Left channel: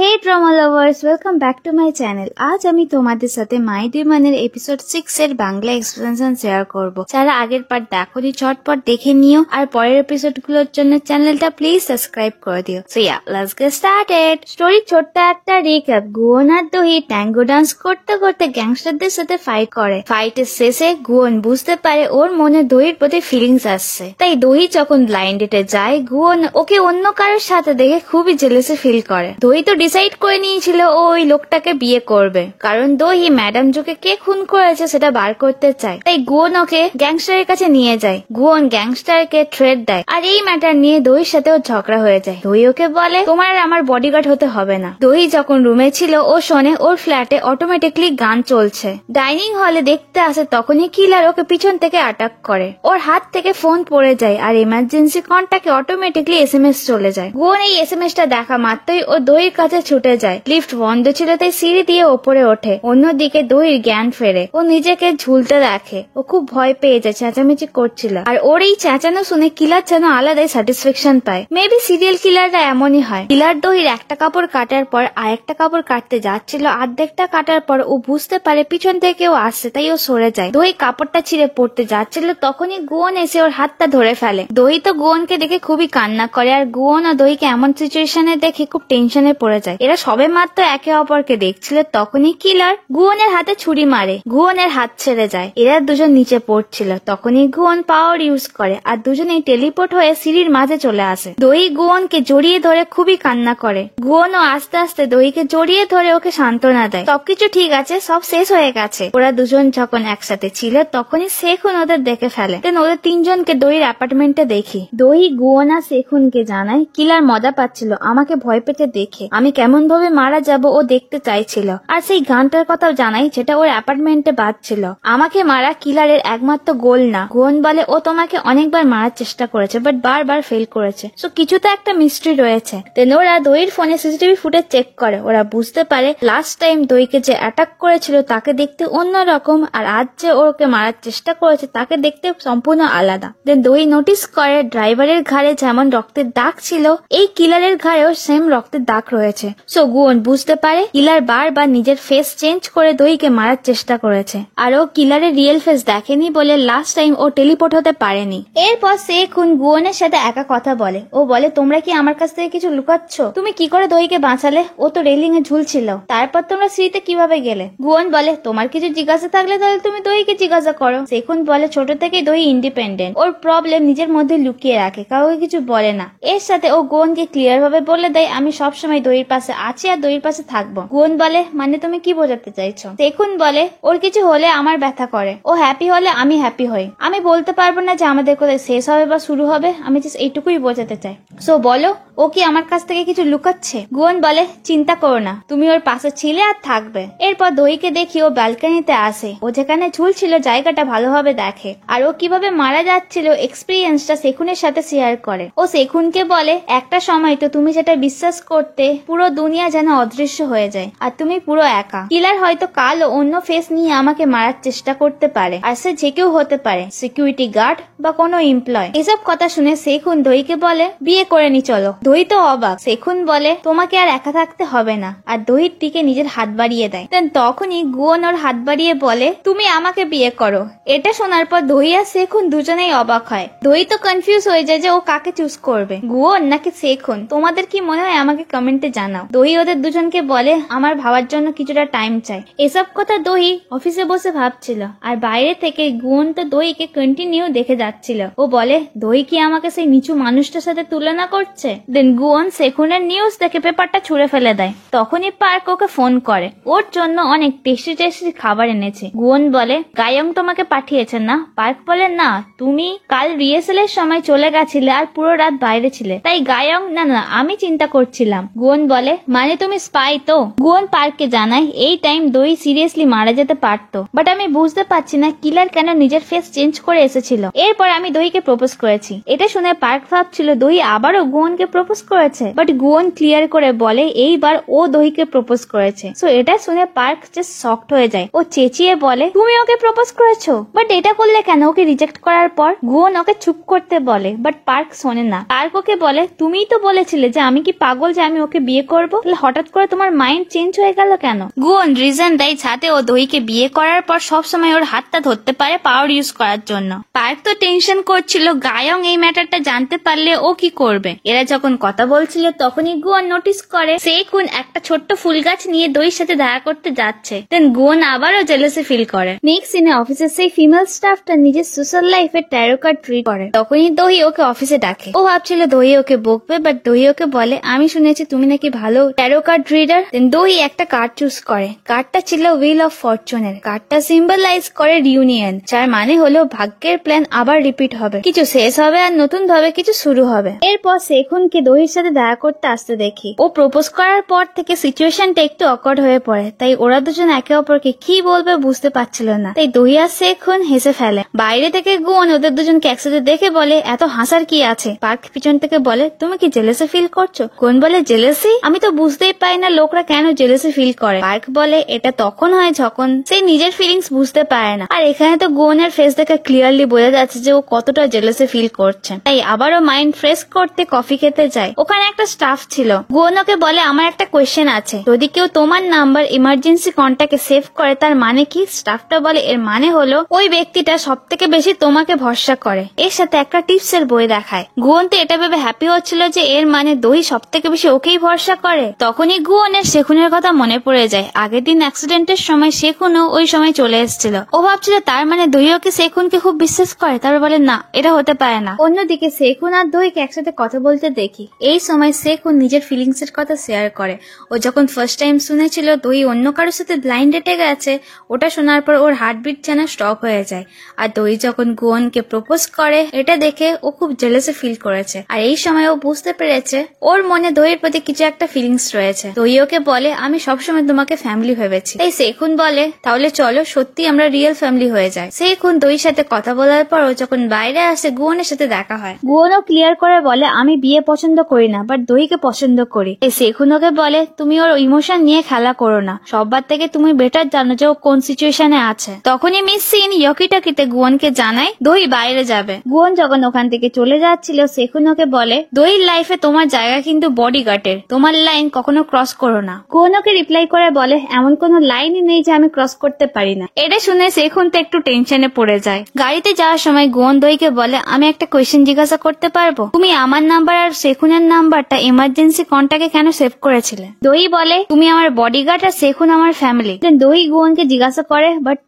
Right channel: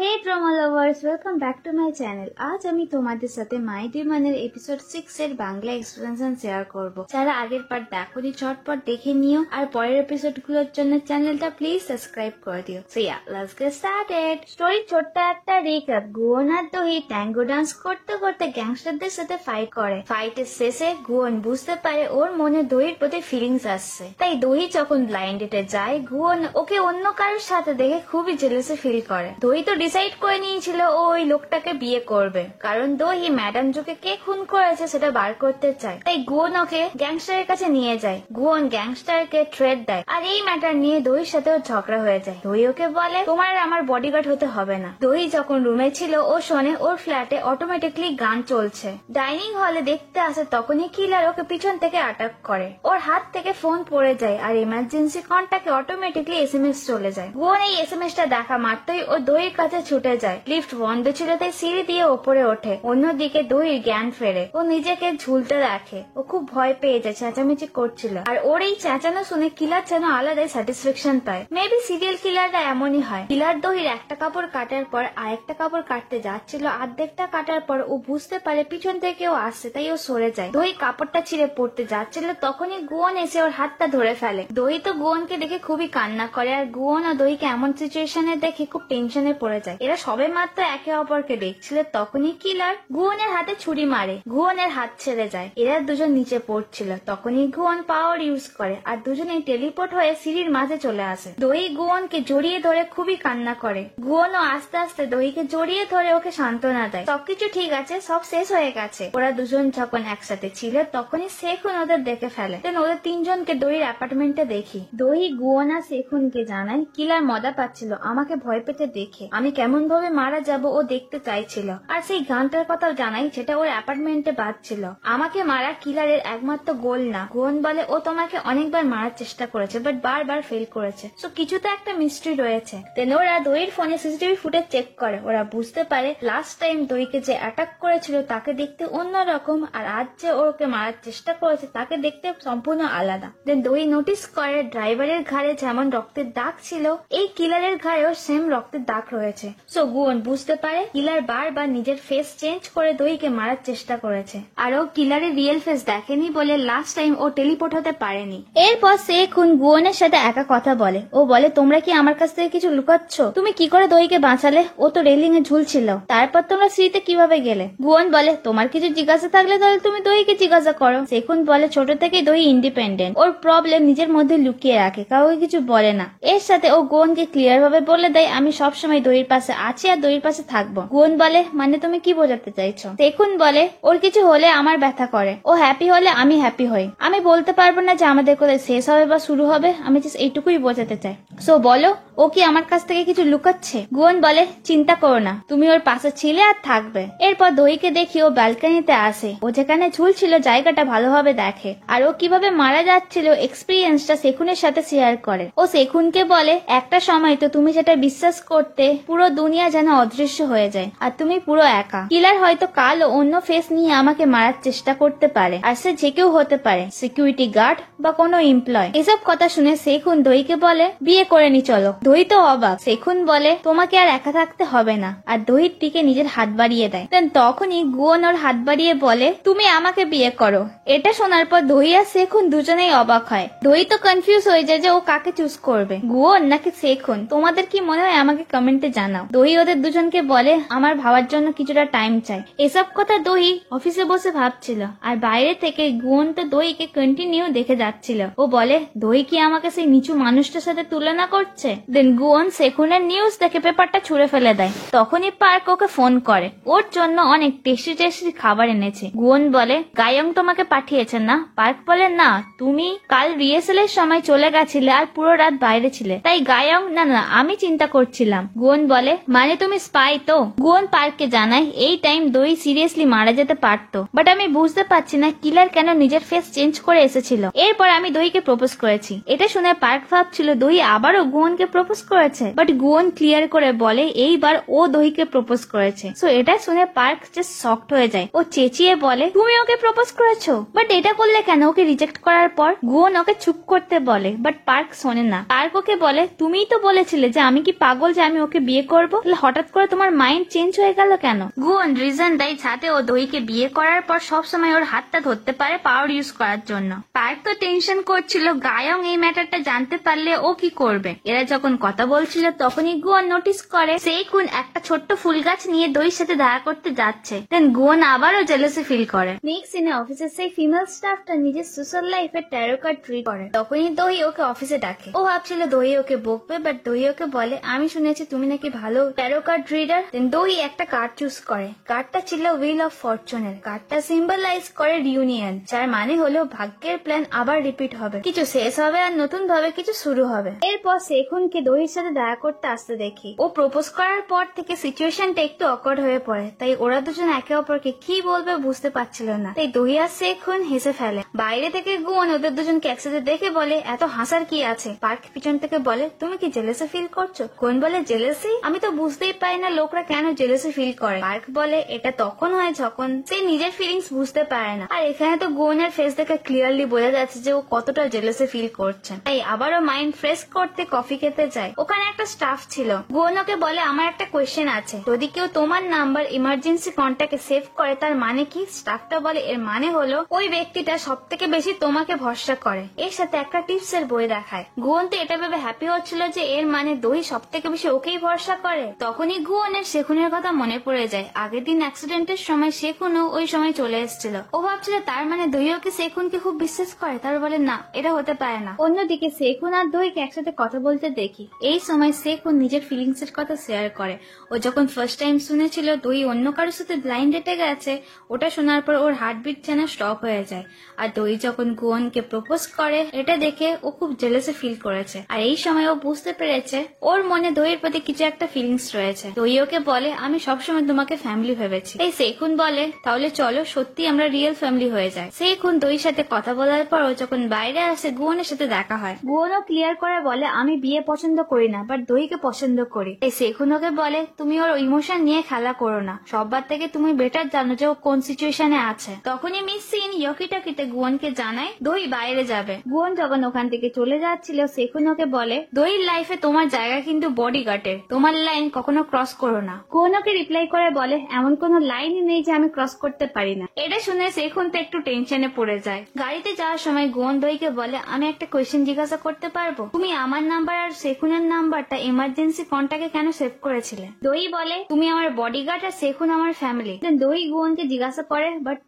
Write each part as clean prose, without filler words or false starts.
Hey drama lovers, welcome back to my channel. আজ আমি তোমাদের সাথে মাই ডিমানের এপিসোড 6 এর বাংলা এক্সপ্লেনেশন শেয়ার করব। যারা আগের পার্ট দেখোনি ঝটপট দেখে নিও, আর পরের এপিসোড গুলোর জন্য চ্যানেলটা প্লিজ সাবস্ক্রাইব করে দিও। So yeah, let's get started. Story ছোট্ট একটা রিক্যাপ। গুয়ন আর দহি ট্যাঙ্গো ডান্স করতে করতে গ্যাংস্টারদের সাথে ফাইট করে। ফাইটের শেষে গুয়ন বুঝতে পারে ওর মনে দহির প্রতি ফিলিংস আসছে। তাই দহি যখন ব্লাইন্ড ডেটে যায়, গুয়ন ওকে অন্য কারোর সাথে দেখে খুবই জেলেসি ফিল করে। দহি তো ডিসাইড করে নিয়েছিল ও ওই লোকটাকে বিয়ে করবে, কারণ দহি ম্যাডাম জোকে কে খুন করেছে সেটা বার করতে চায়। তাই গুয়ন ওকে গ্যাংস্টারের কাছে নিয়ে যায়। গুয়ন গ্যাংস্টারকে থ্রেট দেয়, আর এই ম্যাটার নিয়ে দহির সাথেও ঝগড়া হয়ে যায়। দহি ওকে বলে তোমার আর আমার বডিগার্ড হতে হবে না। দহি যখন রুমে ছিল ও শোনে ওর ফ্ল্যাটে অটোমেটিকলি গান চলছে। ডাইনিং হলে দেখতে আসে, তখনই কিলার ওকে পিছন থেকে অ্যাটাক করে। ওর হাত থেকে ফোন পড়ে যায় আর ইমার্জেন্সি কন্টাক্টে অটোমেটিকলি এসএমএস চলে যায়। গুয়ন এই এসএমএসটা দেখা মাত্রই ও দহির কাছে ছুটে যায়। লিফট বন্ধ ছিল তাই সিঁড়ি দিয়ে ওপরে ওঠে। অন্যদিকে দহির জ্ঞান ফেরে। ও নিজেকে ঝুলতে রাখে। ও খুব ভয় পেয়ে যায়, চেঁচামেচি করছিল। আর ওর এই চেঁচানো শুনে কিলার যেন আলাদাই স্যাটিসফ্যাকশন পায়। মেবি সিরিয়াল কিলাররা এমনই হয়। কিলার দহির একটা কাপড় কাটার পর আরেকটা কাপড় কাটতে যাচ্ছিল। অর্ধেকটা কাটার পর ও বুঝতে পারে পিছন থেকে কেউ আসছে, তাই ও সরে যায়। দহি কাপড়টা ছিঁড়ে পড়তে যাচ্ছিল, তখনই গুয়ন এসে ওর হাতটা ধরে ফেলে। দহি তো গুয়নকে দেখে খুবই কান্না করে, আর গুয়ন ও দহিকে এমন সিচুয়েশনে দেখে খুব টেনশনে পড়ে যায়। এরা সবে মাত্র একে অপরকে দেখছিল, তখনই কিলার গুয়নের হাতে ছুরি মারে। গুয়নের হাত ছেড়ে যায়। এরা দুজন নিচে পড়ছিল, তখনই গুয়ন পাওয়ার ইউজ করে আর দুজনেই টেলিপোর্ট হয়ে সিঁড়ির মাঝে চলে আসে। দহি গুয়নকে জড়িয়ে ধরে খুবই কান্না করে। গুয়নও আস্তে আস্তে দহিকে জড়িয়ে ধরে ওকে সান্ত্বনা দেয়। সবকিছু ঠিক আছে, সব শেষ হয়ে গেছে। ওরা দুজন যখন একসাথে ছিল তখনই সেখুন ওদের দেখে ফেলে। দেন ওদের তিনজনকে দহির অ্যাপার্টমেন্টে দেখি। দহি গুয়ন আর সেখুনকে জানায় কিলার মজা পাচ্ছিল আমাকে ভয় পেতে দেখে। আমি কেমন ভাবে মারা যাব ও দেখতে চাইছিল। আর সেই গানটার কথাও জানাই যেটা ওর অ্যাপার্টমেন্টে বাজছিল। আমাকে মারা কিলারের একমাত্র গোল না। গুয়ন বলে ও তোমাকে অনেকবার মারার চেষ্টা করেছে, বাট বারবার ফেল করেছে। সো কিছুতে একটা মিস্ট্রি রয়েছে। দেন ওরা দহির ফোনে সিসিটিভি ফুটেজ চেক করে। ওরা বুঝতে পারে লাস্ট টাইম দহিকে যে অ্যাটাক করেছিল তাকে দেখতে অন্যরকম, আর আজ যে ওকে মারার চেষ্টা করেছে তাকে দেখতে সম্পূর্ণ আলাদা। দেন দহি নোটিস করে ড্রাইভারের ঘাড়ে যেমন রক্তের দাগ ছিল, এই কিলারের ঘাড়েও সেম রক্তের দাগ রয়েছে। সো গুয়ন বুঝতে পারে কিলার বারবার নিজের ফেস চেঞ্জ করে দহিকে মারার চেষ্টা করেছে, আর ও কিলারের রিয়েল ফেস দেখেনি বলে লাস্ট টাইম ও টেলিপোর্ট হতে পারেনি। এরপর সেখুন গুয়নের সাথে একা কথা বলে। ও বলে তোমরা কি আমার কাছ থেকে কিছু লুকাচ্ছ? তুমি কি করে দহিকে বাঁচালে? ও তো রেলিং এ ঝুলছিল। তারপর তোমরা সিঁড়িতে কিভাবে গেলে? গুয়ন বলে তোমার কিছু জিজ্ঞাসা থাকলে তাহলে তুমি দহিকে জিজ্ঞাসা করো। সেখুন বলে ছোট থেকে দহি ইন্ডিপেন্ডেন্ট, ওর প্রবলেম নিজের মধ্যে লুকিয়ে রাখে, কাউকে কিছু বলে না। এর সাথে ও গুয়নকে ক্লিয়ার ভাবে বলে দেয় আমি সবসময় দহির পাশে আছি আর দহির পাশে থাকবো। গুয়ন বলে মানে তুমি কি বোঝাতে চাইছো? সেখুন বলে ওর কিছু হলে আমার ব্যথা করে, ও হ্যাপি হলে আমি হ্যাপি হই। আমি বলতে পারবো না যে আমাদের কোথায় শেষ হবে বা শুরু হবে, আমি জাস্ট এইটুকুই বোঝাতে চাই। সো বলো ও কি আমার কাছ থেকে কিছু লুকাচ্ছে? গুয়ন বলে চিন্তা করো না, তুমি ওর পাশে ছিলে আর থাকবে। এরপর দহিকে দেখি ও ব্যালকনিতে আসে। ও যেখানে ঝুলছিল জায়গাটা ভালোভাবে দেখে, আর ও কিভাবে মারা যাচ্ছিল এক্সপিরিয়েন্সটা সেখুনের সাথে শেয়ার করে। ও সেখুনকে বলে একটা সময় তো তুমি যেটা বিশ্বাস করতে পুরো দুনিয়া যেন অদৃশ্য হয়ে যায় আর তুমি পুরো একা। কিলার হয়তো কাল অন্য ফেস নিয়ে আমাকে মারার চেষ্টা করতে পারে, আর সে যে কেউ হতে পারে, সিকিউরিটি গার্ড বা কোনো এমপ্লয়। এসব কথা শুনে সেখুন দহিকে বলে বিয়ে করে নি চলো। দহি তো অবাক। সেখুন বলে তোমাকে আর একা থাকতে হবে না, আর দহির দিকে নিজের হাত বাড়িয়ে দেয়। দেন তখনই গুয়ন ওর হাত বাড়িয়ে বলে তুমি আমাকে বিয়ে করো। এটা শোনার পর দহি আর সেখুন দুজনেই অবাক হয়। দহি তো কনফিউজ হয়ে যায় যে ও কাকে চুজ করবে, গুয়ন নাকি সেখুন। তোমাদের কি মনে হয় আমাকে কমেন্টে জানাও। দহি ওদের দুজনকে বলে আমার ভাবার জন্য কিছুটা টাইম চাই। এসব কথা দহি অফিসে বসে ভাবছিল, আর বাইরে থেকে গুয়ন তো দহিকে কন্টিনিউ দেখে যাচ্ছিল। ও বলে দহি কি আমাকে সেই নিচু মানুষটার সাথে তুলনা করছে? দেন গুয়ন সেখুনের নিউজ দেখে পেপারটা ছুঁড়ে ফেলে দেয়। তখনই পার্ক ওকে ফোন করে, ওর জন্য অনেক টেস্টি টেস্টি খাবার এনেছে। গুয়ন বলে গায়ং তোমাকে পাঠিয়েছে না? পার্ক বলে না, তুমি কাল রিহার্সালের সময় চলে গেছিলে আর পুরো রাত বাইরে ছিলে, তাই গায়ং না না আমি চিন্তা করছিলাম। গুয়ন বলে মানে তুমি স্পাই তো? গুয়ন পার্ককে জানায় এই টাইম দহি সিরিয়াসলি মারা যেতে পারতো, বাট আমি বুঝতে পারছি না কিলার কেন নিজের ফেস চেঞ্জ করে এসেছিল। এরপর আমি দহিকে প্রপোজ করেছি। এটা শুনে পার্ক ভাবছিল দহি আবারও গুয়নকে প্রপোজ করেছে, বাট গুয়ন ক্লিয়ার করে বলে এইবার ও দহিকে প্রপোজ করেছে। সো এটা শুনে পার্ক জাস্ট শকড হয়ে যায়। ও চেঁচিয়ে বলে তুমি ওকে প্রপোজ করেছো, বাট এটা করলে কেন? ওকে রিজেক্ট করার পর গুয়ন ওকে চুপ করতে বলে, বাট পার্ক শোনে না। পার্ক ওকে বলে তুমিই তো বলেছিলে যে আমি কি পাগল যে আমি ওকে বিয়ে বিয়ে করবো, হঠাৎ করে তোমার মাইন্ড চেঞ্জ হয়ে গেল কেন? গুয়ন রিজন দেয় যাতে ও দহিকে বিয়ে করার পর সবসময় ওর হাতটা ধরতে পারে পাওয়ার ইউজ করার জন্য। পার্ক তো টেনশন করছিল গায়ং এই ম্যাটারটা জানতে পারলে ও কি করবে। এরা যখন কথা বলছিল তখনই গুয়ন নোটিস করে সেকুন একটা ছোট্ট ফুল গাছ নিয়ে দহির সাথে দেখা করতে যাচ্ছে। দেন গুয়ন আবারও জেলাসি ফিল করে। নেক্সট সিনে অফিসের সেই ফিমেল স্টাফটা নিজের সোশ্যাল লাইফে ট্যারো কার্ড ট্রি করে। তখনই দহি ওকে অফিসে ডাকে। ও ভাবছিল দহি ওকে বকবে, বাট দহি ওকে বলে আমি শুনেছি তুমি নাকি ভালো ট্যারো কার্ড রিডার। দেন দহি একটা কার্ড চুজ করে। কার্ডটা ছিল হুইল অফ ফরচুনের। কার্ডটা সিম্বলাইজ করে রিউনিয়ন, যার মানে হলো ভাগ্যের প্ল্যান আবার রিপিট হবে, কিছু শেষ হবে আর নতুন ভাবে কিছু শুরু হবে। এরপর সেখুনকে দহির সাথে দেখা করতে আসতে দেখি। ও প্রপোজ করার পর থেকে সিচুয়েশনটা একটু অকওয়ার্ড হয়ে পড়ে, তাই ওরা দুজন একে অপরকে কি বলবে বুঝতে পারছিল না। তাই দহি আর সেখুন হেসে ফেলে। বাইরে থেকে গুয়ন ওদের দুজনকে একসাথে দেখে বলে এত হাসার কি আছে। পার্ক পিছন থেকে বলে তুমি কি জেলেসি ফিল করছো? গুয়ন বলে জেলেসি? আমি তো বুঝতেই পাই না লোকরা কেন জেলেসি ফিল করে। পার্ক বলে এটা তখন হয় যখন সে নিজের ফিলিংস বুঝতে পারে না। আর এখানে তো গুয়নের ফেস দেখে ক্লিয়ারলি বোঝা যাচ্ছে যে ও কতটা জেলেসি ফিল করছে। তাই আবারও মাইন্ড ফ্রেশ করতে কফি খেতে যায়। ওখানে একটা স্টাফ ছিল। গুয়ন ওকে বলে আমার একটা কোয়েশ্চেন আছে, যদি কেউ তোমার নাম্বার ইমার্জেন্সি কন্ট্যাক্টে সেভ করে তার মানে কি? স্টাফটা বলে এর মানে হলো ওই ব্যক্তিটা সব থেকে বেশি তোমাকে ভরসা করে। এর সাথে একটা টিপস এর বই দেখায়। গুয়ন তো এটা ভেবে হ্যাপি হচ্ছিল যে এর মানে দহি সব থেকে বেশি ওকেই ভরসা করে। তখনই গুয়নের সেখুনের কথা মনে পড়ে যায়। আগের দিন অ্যাক্সিডেন্টের সময় সেখুনও ওই সময় চলে এসেছিল। ও ভাবছিল তার মানে দহি ওকে সেখুনকে খুব বিশ্বাস করে। তারপর বলে না, এটা হতে পারে না। অন্যদিকে সেখুন আর দহিকে একসাথে কথা বলতে দেখি। এই সময় সেখুন নিজের ফিলিংস এর কথা শেয়ার করে। ও যখন ফার্স্ট টাইম শুনেছিল দহি অন্য কারোর সাথে ব্লাইন্ড ডেটে গেছে, ওটা শোনার পর ওর হার্টবিট যেন স্টপ হয়ে যায়। আর দহি যখন গুয়নকে প্রপোজ করে এটা দেখে ও খুব জেলাসি ফিল করেছে। আর এই সময় ও বুঝতে পেরেছে ওর মনে দহির প্রতি কিছু একটা ফিলিংস রয়েছে। দহি ওকে বলে আমি সবসময় তোমাকে ফ্যামিলি ভেবেছি। তাই সেখুন বলে তাহলে চলো সত্যি আমরা রিয়েল ফ্যামিলি হয়ে যায়। সেখুন দহির সাথে কথা বলার পর ও যখন বাইরে আসে গুয়নের সাথে দেখা হয়। গুয়নও ক্লিয়ার করে বলে আমি বিয়ে পছন্দ করি না, বাট দহিকে পছন্দ করি। এই সেখুন ওকে বলে তুমি ওর ইমোশন নিয়ে খেলা করো না, সববার থেকে তুমি বেটার জানো যে ও কোন সিচুয়েশনে আছে। তখনই মিস সিন ইয়কিটাকিতে গুয়নকে জানায় দহি বাইরে যাবে। গুয়ন যখন ওখান থেকে চলে যাচ্ছিল সেখুন ওকে বলে দহির লাইফে তোমার জায়গা কিন্তু বডিগার্ডের, তোমার লাইন কখনো ক্রস করো না। গুয়ন ওকে রিপ্লাই করে বলে এমন কোনো লাইনই নেই যে আমি ক্রস করতে পারি না। এটা শুনে সেখুন তো একটু টেনশনে পড়ে যায়। গাড়িতে যাওয়ার সময় গুয়ন দহিকে বলে আমি একটা কোয়েশ্চেন জিজ্ঞাসা করতে পারবো? তুমি আমার নাম্বার আর সেখুনের নাম্বারটা ইমার্জেন্সি কন্ট্যাক্টে কেন সেভ করেছিলে? দহি বলে তুমি আমার বডিগার্ড আর সেখুন আমার ফ্যামিলি। দেন দহি গুয়নকে জিজ্ঞাসা করে বাট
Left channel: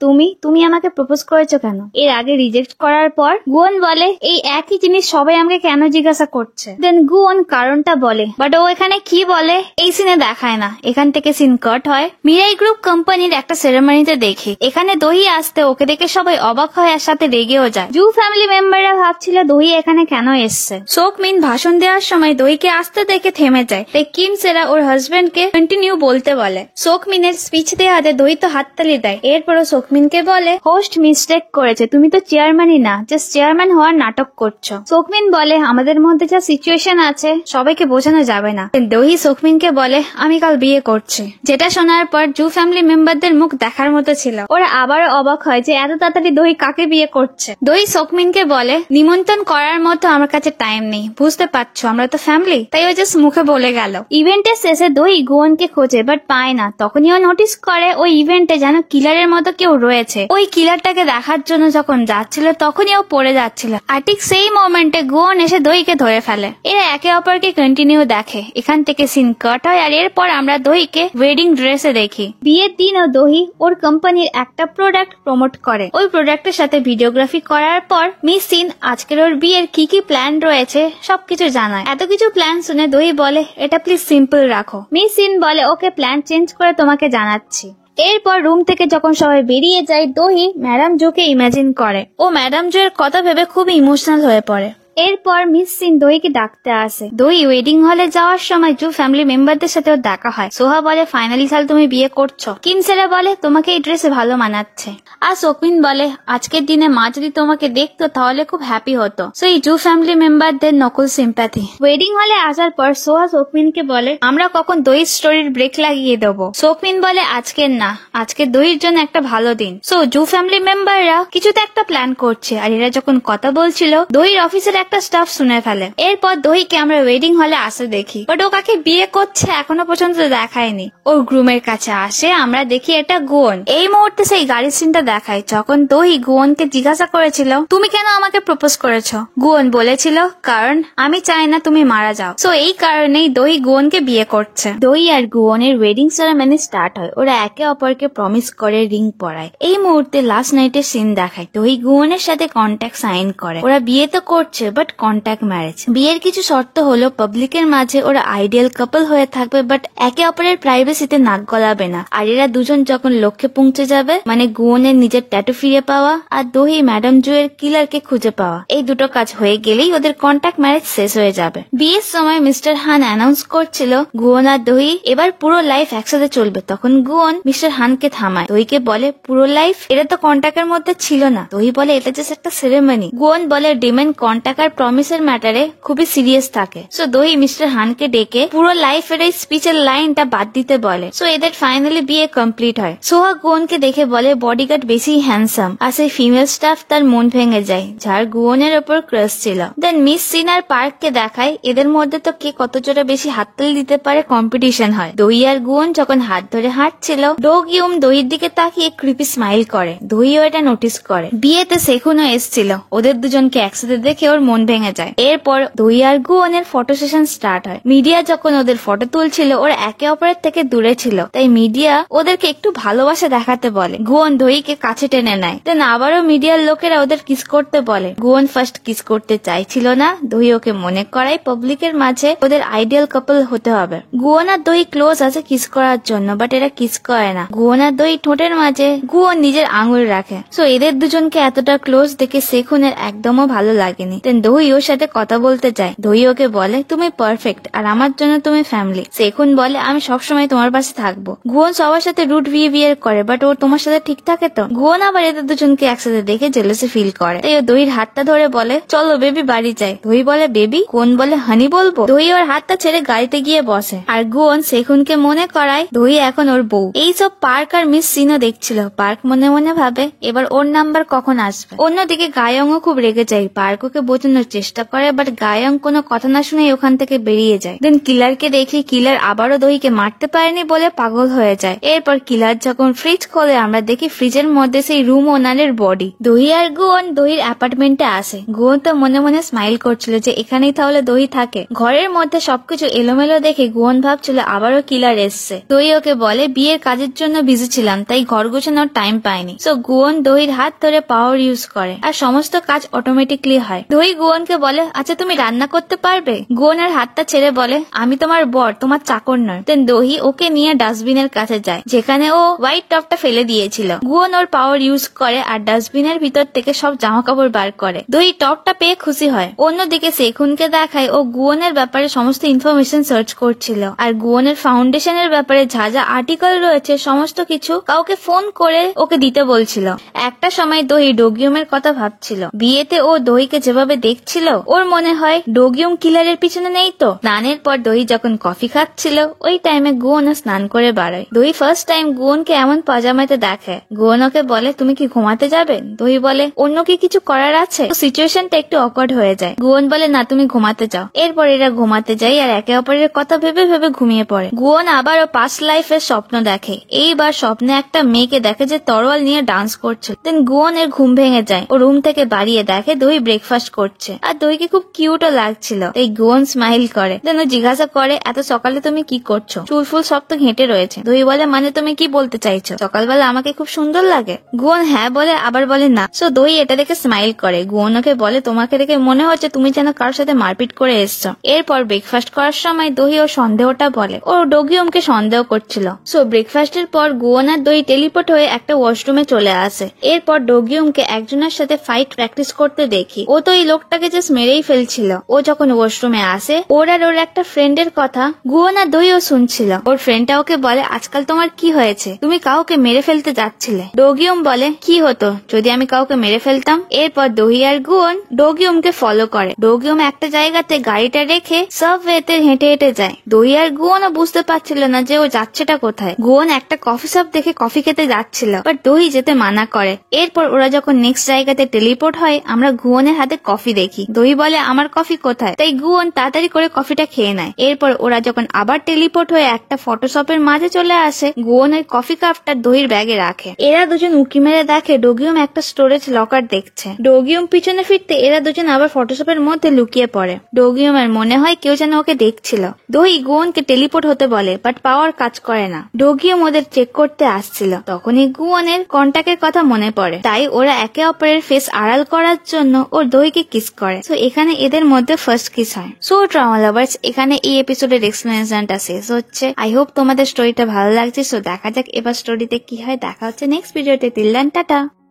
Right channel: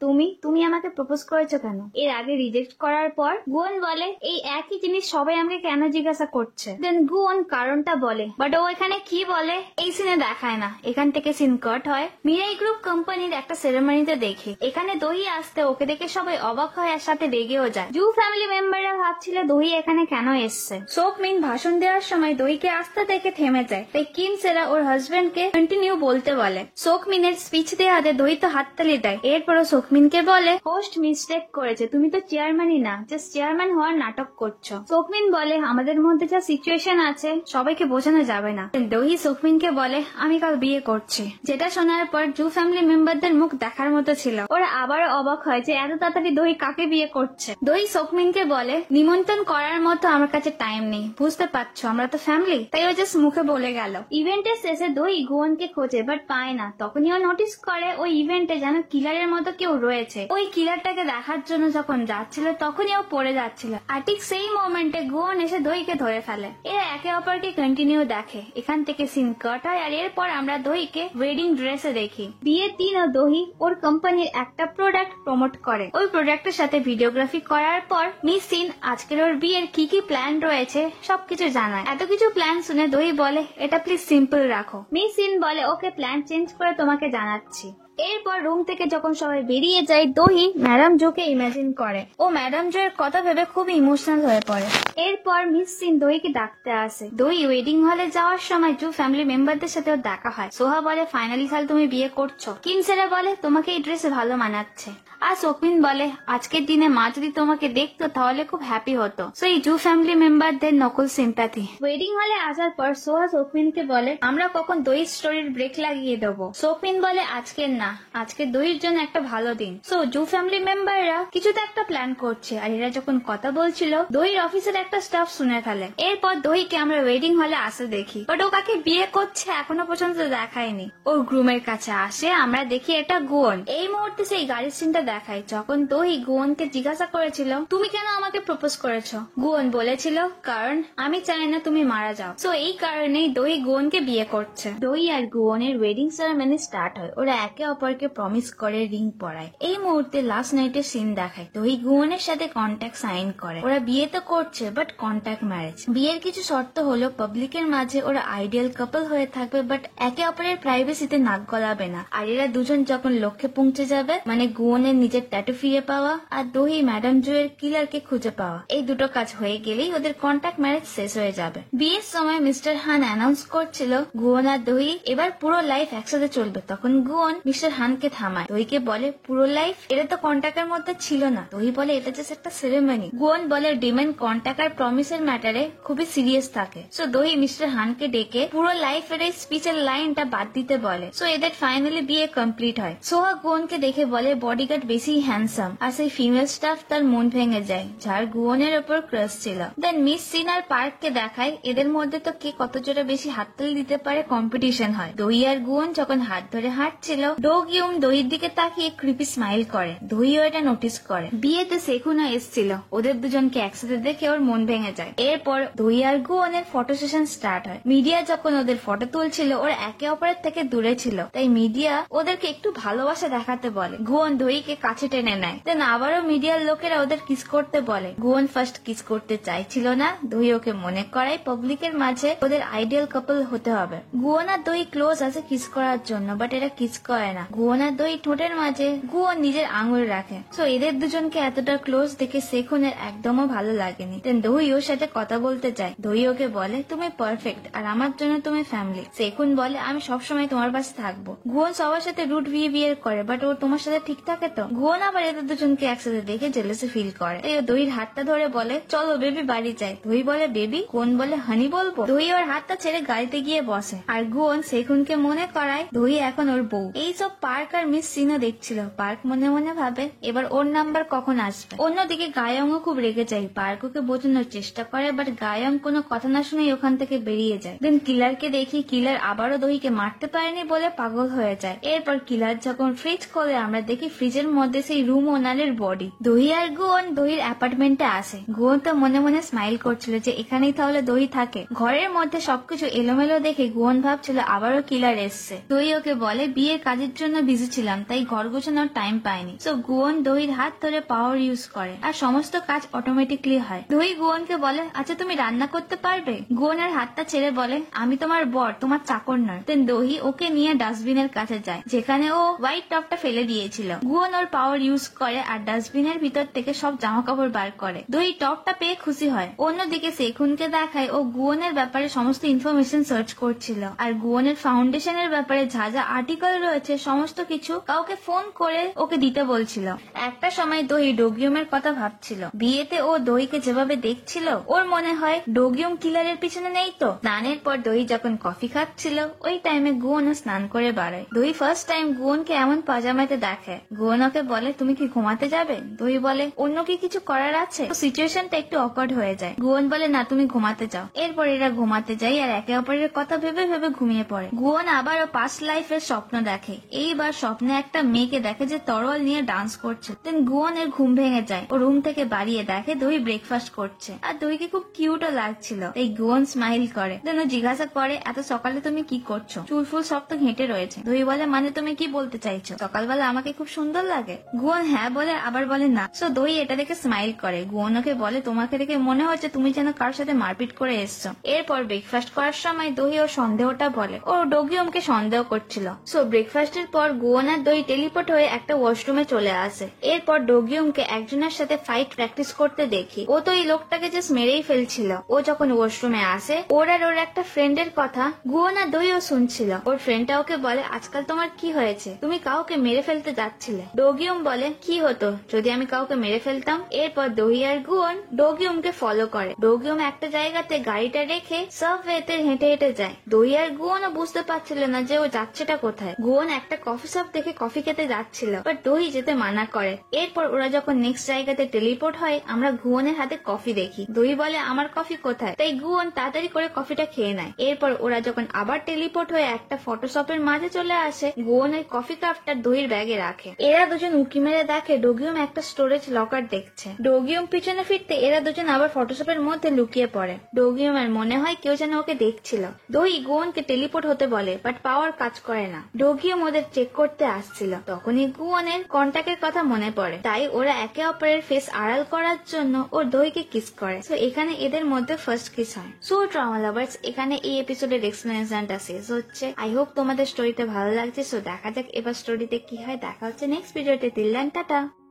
তুমি আমাকে প্রপোজ করেছো কেন? এর আগে রিজেক্ট করার পর গুয়ন বলে এই একই জিনিস সবাই আমাকে কেন জিজ্ঞাসা করছে। দেন গুয়ন কারণটা বলে, বাট ও এখানে কি বলে এই সিনে দেখায় না। এখান থেকে সিন কাট হয়। মিরাই গ্রুপ কোম্পানির একটা সেরেমনিতে দেখি। এখানে দহি আসতে ওকে দেখে সবাই অবাক হয় আর সাথে রেগেও যায়। জু ফ্যামিলি মেম্বাররা ভাবছিল দহি এখানে কেন এসছে। সোকমিন ভাষণ দেওয়ার সময় দহিকে আসতে দেখে থেমে যায়। তাই কিম সেরা ওর হাজবেন্ডকে কন্টিনিউ বলতে বলে। সোকমিনের স্পিচ দেওয়াতে দহি তো হাততালি দেয়। এরপরও সোকমিনকে বলে হোস্ট মিস্টেক করেছে, তুমি তো চেয়ারম্যানই না, জাস্ট চেয়ারম্যান হওয়ার নাটক করছো। সোকমিন বলে আমাদের মধ্যে যা সিচুয়েশন আছে সবাইকে বোঝানো যাবে না। দহি সোকমিনকে বলে আমি কাল বিয়ে করছি। যেটা শোনার পর জু ফ্যামিলি মেম্বারদের মুখ দেখার মতো ছিল। ওরা আবারও অবাক হয় যে এত তাড়াতাড়ি দহি কাকে বিয়ে করছে। দহি সোকমিনকে বলে নিমন্ত্রণ করার মতো আমার কাছে টাইম নেই, বুঝতে পারছো আমরা তো ফ্যামিলি। তাই ও জাস্ট মুখে বলে গেল। ইভেন্টের শেষে দহি গুয়নকে খোঁজে বাট পায় না। তখনই ও নোটিস করে ওই ইভেন্টে যেন কিলারের মতো কেউ রয়েছে। ওই কিলারটাকে দেখার জন্য যখন যাচ্ছিল তখনই ও পড়ে যাচ্ছিল। আর ঠিক সেই মোমেন্টে গুয়ন এসে দহিকে ধরে ফেলে। এরা একে অপরকে কন্টিনিউ দেখে। এখান থেকে সিন কাট হয় আর এরপর আমরা দহিকে ওয়েডিং ড্রেসে দেখি। বিয়ের দিনও দহি ওর কোম্পানির একটা প্রোডাক্ট প্রমোট করে। ওই প্রোডাক্টের সাথে ভিডিওগ্রাফি করার পর মিস সিন আজকের ওর বিয়ের কি কি প্ল্যান রয়েছে সবকিছু জানায়। এত কিছু প্ল্যান শুনে দহি বলে এটা প্লিজ সিম্পল রাখো। মিস সিন বলে ওকে প্ল্যান চেঞ্জ করে তোমাকে জানাচ্ছি। এরপর রুম থেকে যখন সবাই বেরিয়ে যায় দহি ম্যাডাম জোকে ইমাজিন করে। ও ম্যাডাম জো এর কথা ভেবে খুব ইমোশনাল হয়ে পড়ে। এরপর মিস সিন দহিকে ডাকতে আসে। দহি ওয়েডিং হলে যাওয়ার সময় জু ফ্যামিলি মেম্বারদের সাথেও দেখা হয়। সোহা বলে ফাইনালি সাল তুমি বিয়ে করছো। কিম সেরা বলে তোমাকে এই ড্রেসে ভালো মানাচ্ছে। আর সোকমিন বলে আজকের দিনে মা যদি তোমাকে দেখতো তাহলে খুব হ্যাপি হতো। সো এই জু ফ্যামিলি মেম্বারদের নকল সিম্প্যাথি। ওয়েডিং হলে আসার পর সোহা সোকমিনকে বলে আমরা কখন দহি স্টোরির ব্রেক লাগিয়ে দেবো। সোকমিন বলে আজকের না, আজকে দহির জন্য একটা ভালো দিন। সো জু ফ্যামিলি মেম্বাররা কিছুতে একটা প্ল্যান করছে, আর এরা যখন কথা বলছিল দহির অফিসের একটা স্টাফ শুনে ফেলে। এরপর দহিকে আমরা ওয়েডিং হলে আসে দেখি, বাট ও কাকে বিয়ে করছে এখনো পর্যন্ত দেখায়নি। ওর গ্রুমের কাছে আসে, আমরা দেখি এটা গুয়ন। এই মুহূর্তে সেই গাড়ির সিনটা দেখায় যখন দহি গুয়নকে জিজ্ঞাসা করেছিল তুমি কেন আমাকে প্রপোজ করেছো। গুয়ন বলেছিল কারণ আমি চাই না তুমি মারা যাও। সো এই কারণেই দহি গুয়নকে বিয়ে করছে। দহি আর গুয়নের ওয়েডিং সেরেমনি স্টার্ট হয়। ওরা একে অপরকে প্রমিস করে রিং পরায়। এই মুহূর্তে লাস্ট নাইটের সিন দেখায় দহি গুয়নের সাথে কন্ট্যাক্ট সাইন করে। ওরা বিয়ে তো করছে বাট কন্ট্যাক্ট ম্যারেজ। বিয়ের কিছু শর্ত হলো পাবলিকের মাঝে ওরা আইডিয়াল কাপল হয়ে থাকবে বাট একে অপরের প্রাইভেসিতে নাক গলাবে না। আর এরা দুজন যখন লক্ষ্যে পৌঁছে যাবে, মানে গুয়নের নিজের ট্যাটু ফিরে পাওয়া আর দহি ম্যাডাম জুয়ের কিলারকে খুঁজে পাওয়া, এই দুটো কাজ হয়ে গেলেই ওদের কন্ট্যাক্ট ম্যারেজ শেষ হয়ে যাবে। বিয়ের সময় মিস্টার হান অ্যানাউন্স করছিল গুয়ন আর দহি এবার পুরো লাইফ একসাথে চলবে। তখন গুয়ন মিস্টার হানকে থামায়, দহিকে বলে পুরো লাইফ, এটা তো কন্ট্যাক্টের মধ্যে ছিল না। দহি বলে এটা জাস্ট একটা সেরেমনি। গুয়ন বলে ডিমেন্ড কন্ট্যাক্ট আর প্রমিসের ম্যাটারে খুবই সিরিয়াস থাকে। সো দহি মিস্টার হানকে ডেকে পুরো লাইফের এই স্পিচের লাইনটা বাদ দিতে বলে। সো এদের ফাইনালি বিয়ে কমপ্লিট হয়। সোহা গুয়নকে দেখে বলে বডিগার্ড বেশি হ্যান্ডসাম, আর সেই ফিমেল স্টাফ তার মন ভেঙে যায় যার গুয়নের ওপর ক্রাশ ছিল। দেন মিস সিন আর পার্ককে দেখায় এদের মধ্যে তো কে কত জোরে বেশি হাততালি দিতে পারে কম্পিটিশন হয়। দহি আর গুয়ন যখন হাত ধরে হাঁটছিল, ডো গিউম দহির দিকে তাকিয়ে ক্রিপি স্মাইল করে। দহিও এটা নোটিস করে। বিয়েতে সেখুনও এসেছিল। ওদের দুজনকে একসাথে দেখে ওর মন ভেঙে যায়। এরপর দহি আর গুয়নের ফটো সেশন স্টার্ট হয়। মিডিয়া যখন ওদের ফটো তুলছিল ওরা একে অপরের থেকে দূরে ছিল, তাই মিডিয়া ওদেরকে একটু ভালোবাসা দেখাতে বলে। গুয়ন দহিকে কাছে টেনে নেয়। দেন আবারও মিডিয়ার লোকেরা ওদের কিস করতে বলে। গুয়ন ফার্স্ট কিস করতে চাইছিল না, দহি ওকে মনে করায় পাবলিকের মাঝে ওদের আইডিয়াল কাপল হতে হবে। গুয়ন আর দহি ক্লোজ আছে কিস করার জন্য, বাট এরা কিস করে না। গুয়ন আর দহি ঠোঁটের মাঝে গুয়ন নিজের আঙুল রাখে। সো এদের দুজনকে এতটা ক্লোজ দেখে সেখুনের একদমও ভালো লাগেনি। দেন দহি ওর সাথে কথা বলতে চায়। দহি ওকে বলে তুমি পারফেক্ট আর আমার জন্য তুমি ফ্যামিলি। সেখুন বলে আমি সবসময় তোমার পাশে থাকবো। গুয়ন সবার সাথে রুট বিহেভিয়ার করে, বাট ও তোমার সাথে ঠিক থাকে তো। গুয়ন আবার এদের দুজনকে একসাথে দেখে জেলাসি ফিল করে, তাই ও দহির হাতটা ধরে বলে চলো বেবি বাড়ি যাই। দহি বলে বেবি? গুয়ন বলে হানি বলবো। দহি ওর হাতটা ছেড়ে গাড়িতে গিয়ে বসে, আর গুয়ন সেখুনকে মনে করায় দহি এখন ওর বউ। এইসব পার্ক আর মিস সিনও দেখছিল। পার্ক মনে মনে ভাবে এবার ওর নাম্বার কখন আসবে। অন্যদিকে গায়ংও খুব রেগে যায়। পার্ক ওকে বোঝানোর চেষ্টা করে, বাট গায়ং কোনো কথা না শুনে ওখান থেকে বেরিয়ে যায়। দেন কিলারকে দেখি কিলার আবারও দহিকে মারতে পারেনি বলে পাগল হয়ে যায়। এরপর কিলার যখন ফ্রিজ খোলে আমরা দেখি ফ্রিজের মধ্যে সেই রুম ওনারের বডি। দহি আর গুয়ন দহির অ্যাপার্টমেন্টে আসে। গুয়ন তো মনে মনে স্মাইল করছিল যে এখানেই তাহলে দহি থাকে। ঘরের মধ্যে সবকিছু এলোমেলো দেখে গুয়ন ভাবছিল আবারও কিলার এসছে। দহি ওকে বলে বিয়ের কাজের জন্য বিজি ছিলাম, তাই ঘর গোছানোর টাইম পাইনি। সো গুয়ন দহির হাত ধরে পাওয়ার ইউজ করে আর সমস্ত কাজ অটোমেটিকলি হয়। দহি গুয়নকে বলে আচ্ছা তুমি রান্না করতে পারবে। গুয়নের হাতটা ছেড়ে বলে আমি তোমার বর, তোমার চাকর নয়। দেন দহি ওকে নিয়ে ডাস্টবিনের কাছে যায় যেখানে ও হোয়াইট টপটা ফেলে দিয়েছিল। গুয়ন ওর পাওয়ার ইউজ করে আর ডাস্টবিনের ভিতর থেকে সব জামা কাপড় বার করে। দহি টপটা পেয়ে খুশি হয়। অন্যদিকে সেখুনকে দেখায় ও গুয়নের ব্যাপারে সমস্ত ইনফরমেশন সার্চ করছিল, আর গুয়নের ফাউন্ডেশনের ব্যাপারে যা যা আর্টিকেল রয়েছে সমস্ত কিছু কাউকে ফোন করে ওকে দিতে বলছিল। একটা সময় দহি ডোগিউমের কথা ভাবছিল। বিয়েতে ও দহিকে যেভাবে দেখছিল ওর মনে হয় ডোগিউম কিলারের পিছনে নেই তো। স্নানের পর দহি যখন কফি খাচ্ছিল ওই টাইমে গুয়ন স্নান করে বাড়ায়। দহি ফার্স্ট টাইম গুয়নকে এমন পাজামাতে দেখে। গুয়ন ওকে বলে তুমি কি ঘুমাতে যাবে? দহি বলে অন্য কি কিছু করার আছে? সিচুয়েশনটা একটু অকওয়ার্ড হয়ে যায়। গুয়ন বলে না তুমি ঘুমাতে যাও। এরপর এরা ঘুমাতে যায় আর একে অপরের কথা ভেবে ভেবে ঘুমিয়ে পড়ে। গুয়ন আবারও পাস্ট লাইফের স্বপ্ন দেখে। এইবার স্বপ্নে একটা মেয়েকে দেখে যে তরোয়াল নিয়ে ডান্স করছে। দেন গুয়নের ঘুম ভেঙে যায়। ও রুম থেকে বাড়িয়ে দেখে দহি ব্রেকফাস্ট করছে আর দহিকে খুব কিউটও লাগছিল। এই গুয়ন স্মাইল করে। দেন ও জিজ্ঞাসা করে এত সকালে তুমি কি করছো? চুল ফুল সব তো ঘেঁটে রয়েছে। দহি বলে মানে তুমি কি বলতে চাইছো, সকালবেলা আমাকে খুব সুন্দর লাগে? গুয়ন হ্যাঁ বলে আবার বলে না। সো দহি এটা দেখে স্মাইল করে। গুয়ন ওকে বলে তোমাকে দেখে মনে হচ্ছে তুমি যেন কারোর সাথে মারপিট করে এসছো। এরপর ব্রেকফাস্ট করার সময় দহি ওর সন্দেহটা বলে। ও ডোগিউমকে সন্দেহ করছিল। সো ব্রেকফাস্টের পর গুয়ন আর দহি টেলিপোর্ট হয়ে একটা ওয়াশরুমে চলে আসে। এরপর ডোগিউমকে একজনের সাথে ফাইট প্র্যাকটিস করতে দেখি। ও তো এই লোকটাকে জাস্ট মেরেই ফেলছিল। ও যখন ওয়াশরুমে আসে ওর আর ওর একটা ফ্রেন্ডের কথা গুয়ন আর দহিও শুনছিল। ওর ফ্রেন্ডটা ওকে বলে আজকাল তোমার কি হয়েছে, তুমি কাউকে মেরে ফেলতে যাচ্ছিলে। ডোগিউম বলে কি হতো যদি আমি কাউকে মেরে ফেলতাম। এরপর দহি আর গুয়ন ডোগিউমকে ফলো করে। ডোগিউম একটা জায়গাতে গাড়িটা রেখে সাবওয়েতে হেঁটে হেঁটে যায়। দহি আর গুয়নও বুঝতে পারছিল না যে ও যাচ্ছেটা কোথায়। গুয়ন একটা একটা কফি শপ দেখে কফি খেতে যাচ্ছিল, বাট দোহি যেতে মানা করে। এরপর ওরা যখন নেক্সট জায়গাতে টেলিপোর্ট হয় আমরা গুয়নের হাতে কফি দেখি। দোহি বলে আমার কফি কোথায়, তাই গুয়ন তাড়াতাড়ি করে কফিটা খেয়ে নেয়। এরপর ওরা যখন আবার টেলিপোর্ট হয়ে একটা ফটোশপের মাঝে চলে আসে, গুয়ন ওই কফি কাপটা দোহির ব্যাগে রাখে। এরা দুজন উকি মেরে দেখে ডোগিয়ম একটা স্টোরেজ লকার দেখছে। ডোগিয়ম পিছনে ফিরতে এরা দুজন আবার ফটোশপের মধ্যে লুকিয়ে পড়ে। ডোগিয়মের মনে হয় কেউ যেন ওকে দেখছিল। দোহি গুয়নকে টেলিপোর্ট হতে বলে, বাট পাওয়ার কাজ করে না। ডোগিয়ম ওদের চেক করতে আসছিল, তখনই গুয়নের কন্টাক্টের কথা মনে পড়ে। তাই ওরা একে অপরের ফেস আড়াল করার জন্য ওর দোহিকে কিস করে। সো এখানে এদের মধ্যে ফার্স্ট কিস হয়। সো ট্রমা লাভার্স, এখানে এই এপিসোডের এক্সপ্লেনেশনটা শেষ হচ্ছে। আই হোপ তোমাদের স্টোরিটা ভালো লাগছে। সো দেখা যাক এবার স্টোরিতে কি হয়। দেখা হচ্ছে নেক্সট ভিডিওতে। Till then tata.